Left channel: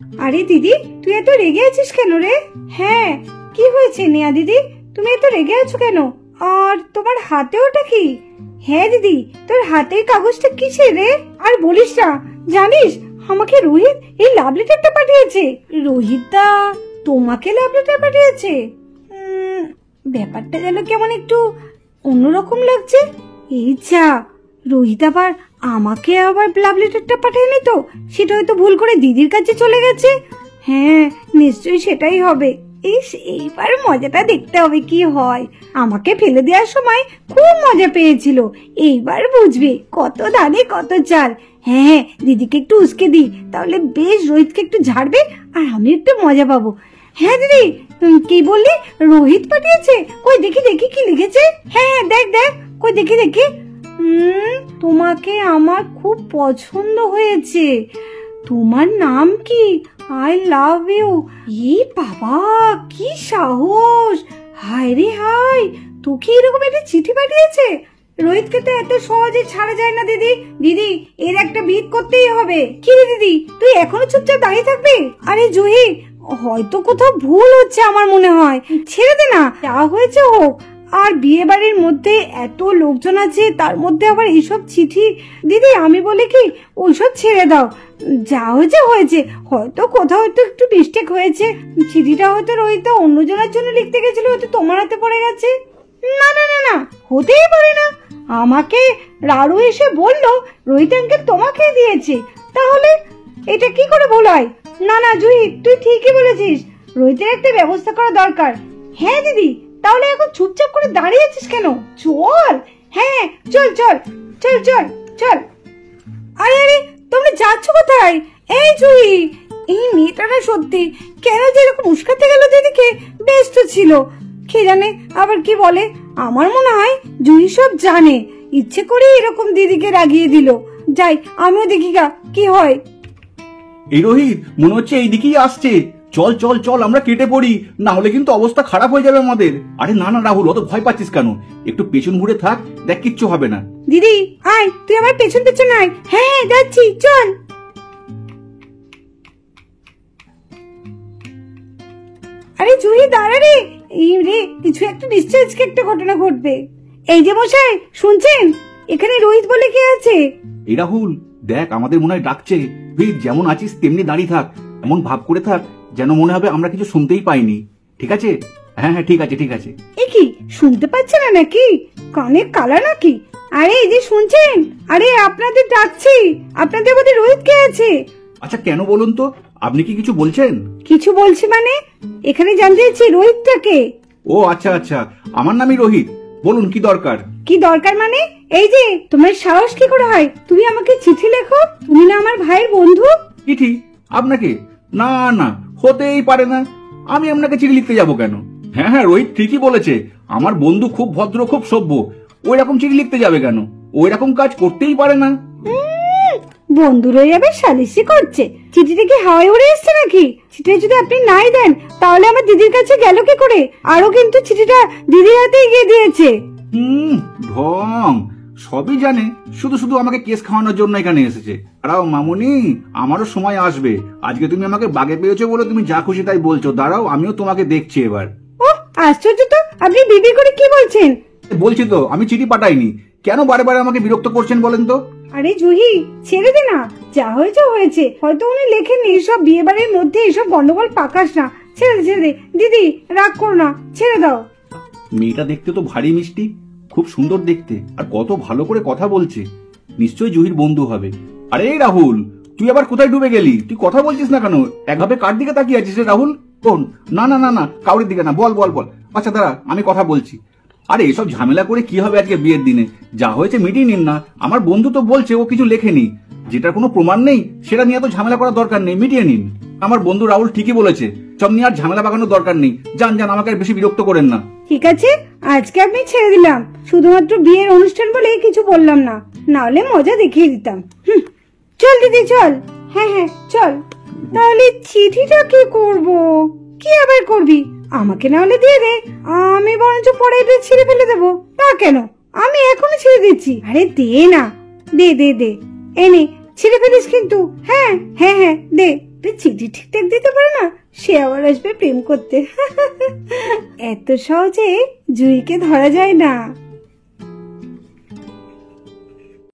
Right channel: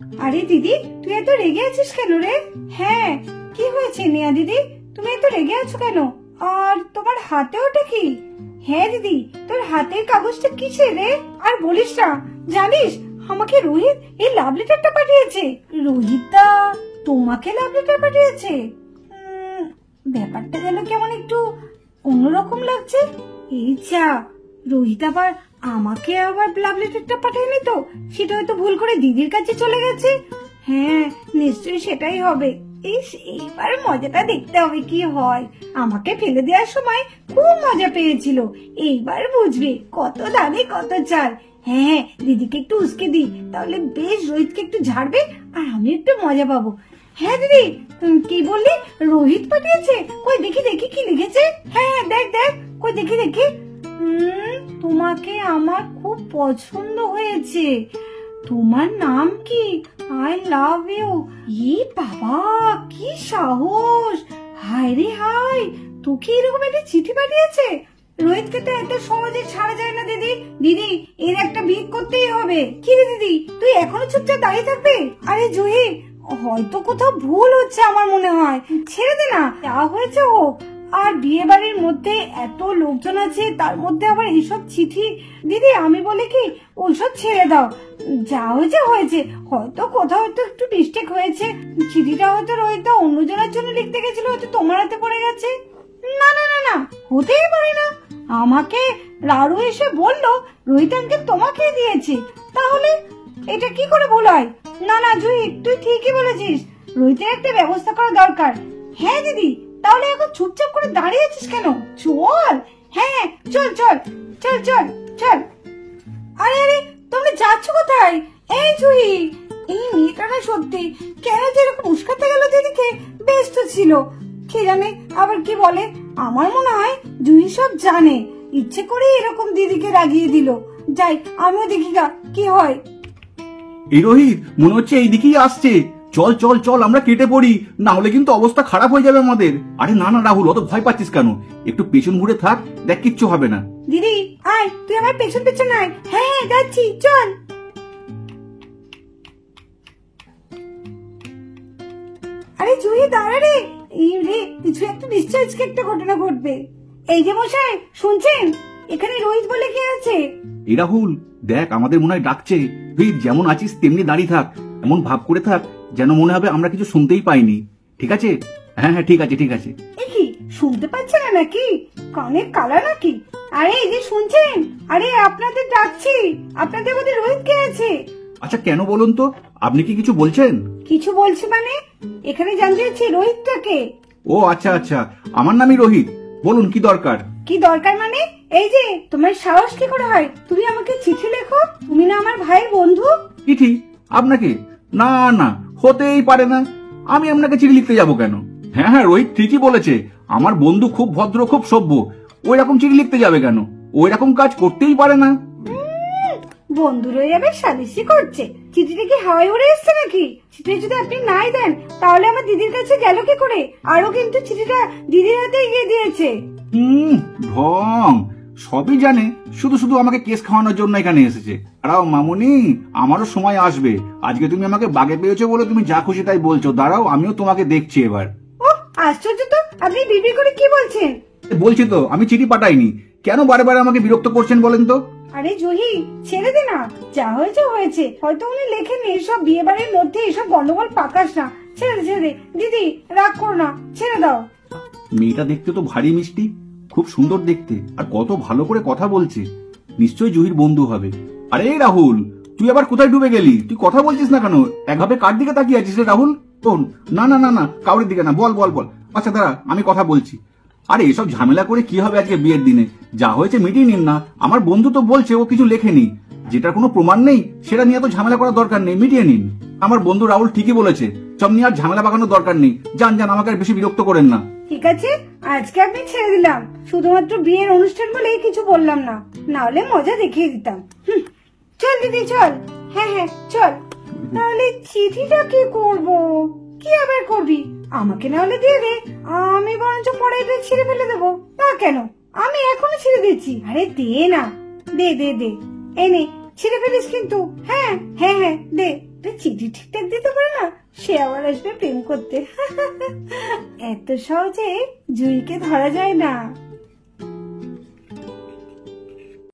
আরে দিদি, তুই এত রেগে আছিস কেন রে? হ্যাঁ, কি হয়েছে নেয়া দিদি, তুমি এত রেগে আছো কেন? আর তোমার হাতে ওটা কি? হ্যাঁ দিদি, তোর হাতের কাগজটা কিসের রে? আর বলিস না, জানিস আমাকে রোহিত এই লাভ লেটারটা পাঠিয়েছে। রোহিতদা তোমাকে লাভ লেটার পাঠিয়েছে? ব্যাপারটা যেন কেমন একটু অন্যরকম লাগছে। এই যা, রোহিত আবার আমাকে আবার লাভ লেটারটা পাঠায়নি তো? সেটা হয়তো ভুল করে দিদির কাছে চলে গেছে। হ্যাঁ, নিশ্চয়ই সেটাই হবে। এইবার মজাটা দেখতে হবে কি হয়। আমাকে ফেলে দেওয়ার সময় খুব মজা পেয়েছিল, এইবার বুঝবে কত ধানে কত চাল। হ্যাঁ, দিদিকে একটু উস্কে দিই, তাহলে বেশ রোহিতকে একটু ঝাড়বে আর আমি একটু মজা পাবো। হ্যাঁ দিদি, তুমি কি বললি? রোহিত পাঠিয়েছে? কই দেখি দেখি কি লিখেছে। হ্যাঁ দেখ দেখ, কই দেখি দেখি। তোমাকে আমার খুব পছন্দ হয়েছে। তোমার নাম কি? I love you. ই বাবা, কি সাহস! হায় রে হায়, তোকে এরকম একটা চিঠি পাঠিয়েছে? রোহিতকে তো এত সহজে ছাড়া যায় না দিদি। দিদি, এর একটা ভিত করতেই হবে। কি রে দিদি, তুই এখনো চুপচাপ দাঁড়িয়ে থাকবি? আরে জুহি, হয়তো কোথাও ভুল হচ্ছে আমার মনে হয়, ছেড়ে দে না, যা হয়েছে হোক। আর বিয়ে বাড়ির মধ্যে এত লোকজন আছে, তার মধ্যে আবার এইসব চিঠি। দিদি আমি বলি কি, ওইসব ছেড়ে দাও, যা হয়েছে হয়েছে। হয়তো কোথাও একটু মিস্টেক হয়েছে, চিঠিটা হয়তো রোহিত অন্যজনের জন্য লিখতে গেছিল, হয়তো তোমার হাতে পড়ে গেছে। না না না না, হতেই পারে না। আমাকে রারু এসে বললো রোহিত আঙ্কেল তোমাকে দিয়েছে, তাহলে এটা কি করে ভুল হয়? না না জুহি, তুই ঠিকই বলেছিস, রোহিতের একটা ব্যবস্থা করা দরকার। হ্যাঁ দিদি, তাহলে এখন চুপচাপ করে দাঁড়িয়ে আছিস কেন? চল। হ্যাঁ চল চল চল চল চল। আরে আরে, তোমরা যাচ্ছ কোথায়? এই জুহি, এই মেয়েটা না সত্যি কেন যে এরকম উস্কাতে গেল দিদিকে? বেশ তো ছিল, কে জানে আবার কি বলে। আমার মনে হয় জুহি সব জানে, ইচ্ছে করে এরকম দিদিকে রাগিয়ে দিল। যাই, আমিও দেখি গা কি হয়। এই রোহিত, মনে হচ্ছে এইদিকেই আসছে। চল চল চল, আমরা কেটে পড়ি, না হলে কিন্তু অবস্থা খারাপ হয়ে যাবে আমাদের। আরে না না রাহুল, অত ভয় পাচ্ছিস কেন? একটু পেছন ঘুরে থাক, দেখ কিচ্ছু হবে না। দিদি আয়, তুই আমার পেছন পেছন আয়। হ্যাঁ হ্যাঁ যাচ্ছি, চল। আরে জুহি দাঁড়া রে, এই রে কিছু একটা নিশ্চয় আজকে একটা ঘটনা ঘটবে। এই যে মশাই শুনছেন, এখানে রোহিত বলে কে আছে? এই রাহুল দেখ, আমাদের মনে হয় ডাকছে। তুই যেমন আছিস তেমনি দাঁড়িয়ে থাক, এমন ভাব করে থাক যেন মনে হবে আমরা কিছু শুনতেই পাইনি, ঠিক আছে? হ্যাঁ হ্যাঁ ঠিক আছে ঠিক আছে। এ কি, শুনতে পাচ্ছে না নাকি? কানে কালা নাকি? আরে এই যে শুনছেন, আরে আপনাদের ডাকছি, আপনাদের মধ্যে রোহিত কে আছে? আচ্ছা কেন বলুন তো, আপনি কি কিছু বলছেন? কিছু বলছি মানে, এখানে জানতে চাইছি রোহিতটা কে? ও আচ্ছা আচ্ছা, আমার নামই রোহিত, বলুন কি দরকার? কি দরকার মানে, এই যে তোমার সাহস কি করে হয় তুমি আমাকে চিঠি লেখো? তুমি না আমার ভাইয়ের বন্ধু। চিঠি? আপনাকে? না না, হতেই পারে না, আমি আপনাকে চিঠি লিখতে যাব কেন? হ্যাঁ হ্যাঁ, রোহিত ঠিকই বলেছে, আমার বন্ধু খুব ভদ্র খুব সভ্য, ওই রকম চিঠি লিখতে যাবে কেন? ওই রকম কাজ করতেই পারে না। বন্ধু রয়ে যাবে সালিশি করছে, চিঠিটা কি হাওয়ায় উড়ে এসছে নাকি? চিঠি যদি আপনি নাই দেন তাহলে আমার দিদির কাছে গেল কি করে? আরো কিন্তু চিঠিটা দিদির হাতেই গিয়ে দিয়েছে। ঢং, সবই জানে, শুধু শুধু আমাকে কেস খাওয়ানোর জন্য এখানে এসেছে। দাঁড়াও মামুনি, আমারও সময় আসবে। আজকে তুমি আমাকে বাগে পেয়েছো বলে তুমি যা খুশি তাই বলছো, দাঁড়াও আমিও তোমাকে দেখছি এবার। ও আশ্চর্য তো, আপনি বিবি করে কি বলছেন? বলছি তো আমি চিঠি পাঠাইনি, কেন বারে বারে আমাকে বিরক্ত করছেন বলেন তো? আরে জুহি, ছেড়ে দে না, যা হয়েছে হয়েছে, হয়তো উনি লেখেননি। এসব বিয়ে বাড়ির মধ্যে এসব গন্ডগোল পাকাস না, ছেড়ে দে। দিদি রাগ করো না, ছেড়ে দাও। মেয়েটা দেখতে তো ভারী মিষ্টি, খুব সুন্দর দেখতে, আর কত ভালো করে কথা বলছে, নিশ্চয়ই জুহির বন্ধু হবে। আরে রাহুল, তুই আবার কোথায় ডুবে গেলি? তুই কথা বলছিস না কেন? একভাবে কার দিকে তাকিয়ে আছিস রে রাহুল? কোন? না না না না, কাউরির দিকে না, বল বল বল। আচ্ছা দাঁড়া, আমি কথা বলছি। আরে এসব ঝামেলা করে কি হবে আজকে বিয়ের দিনে? যা হয়েছে মিটিয়ে নিন না। আমার বন্ধু তো বলছে ও কিছু লেখেনি, যেটার কোনো প্রমাণ নেই সেটা নিয়ে তো ঝামেলা করার দরকার নেই, মিটিয়ে নিন। আমার বন্ধু রাহুল ঠিকই বলেছে, সব নিয়ে আর ঝামেলা বাগানোর দরকার নেই। যান যান, আমাকে আর বেশি বিরক্ত করেন না। ঠিক আছে, আজকে আপনি ছেড়ে দিলাম, শুধুমাত্র বিয়ের অনুষ্ঠান বলে কিছু বললাম না, নাহলে মজা দেখিয়ে দিতাম। চল দিদি চল। হ্যাঁ হ্যাঁ চল। তাহলে চিঠিটা কি করব? কি আবার করবি? আমাকে না হলে দিয়ে দে, আমি বরঞ্চ পরে এটা ছিঁড়ে ফেলে দেবো। তা কেন, আমি এখনো ছিঁড়ে দিচ্ছি। আরে দে না, দে দে দে, এই নে ছিঁড়ে ফেলিস কিন্তু। হ্যাঁ হ্যাঁ হ্যাঁ দে। তুই চিঠি ঠিকঠাক দিতে পারে না, সে আবার আসবে প্রেম করতে। এত সহজে জুঁইকে ধরা যায় না।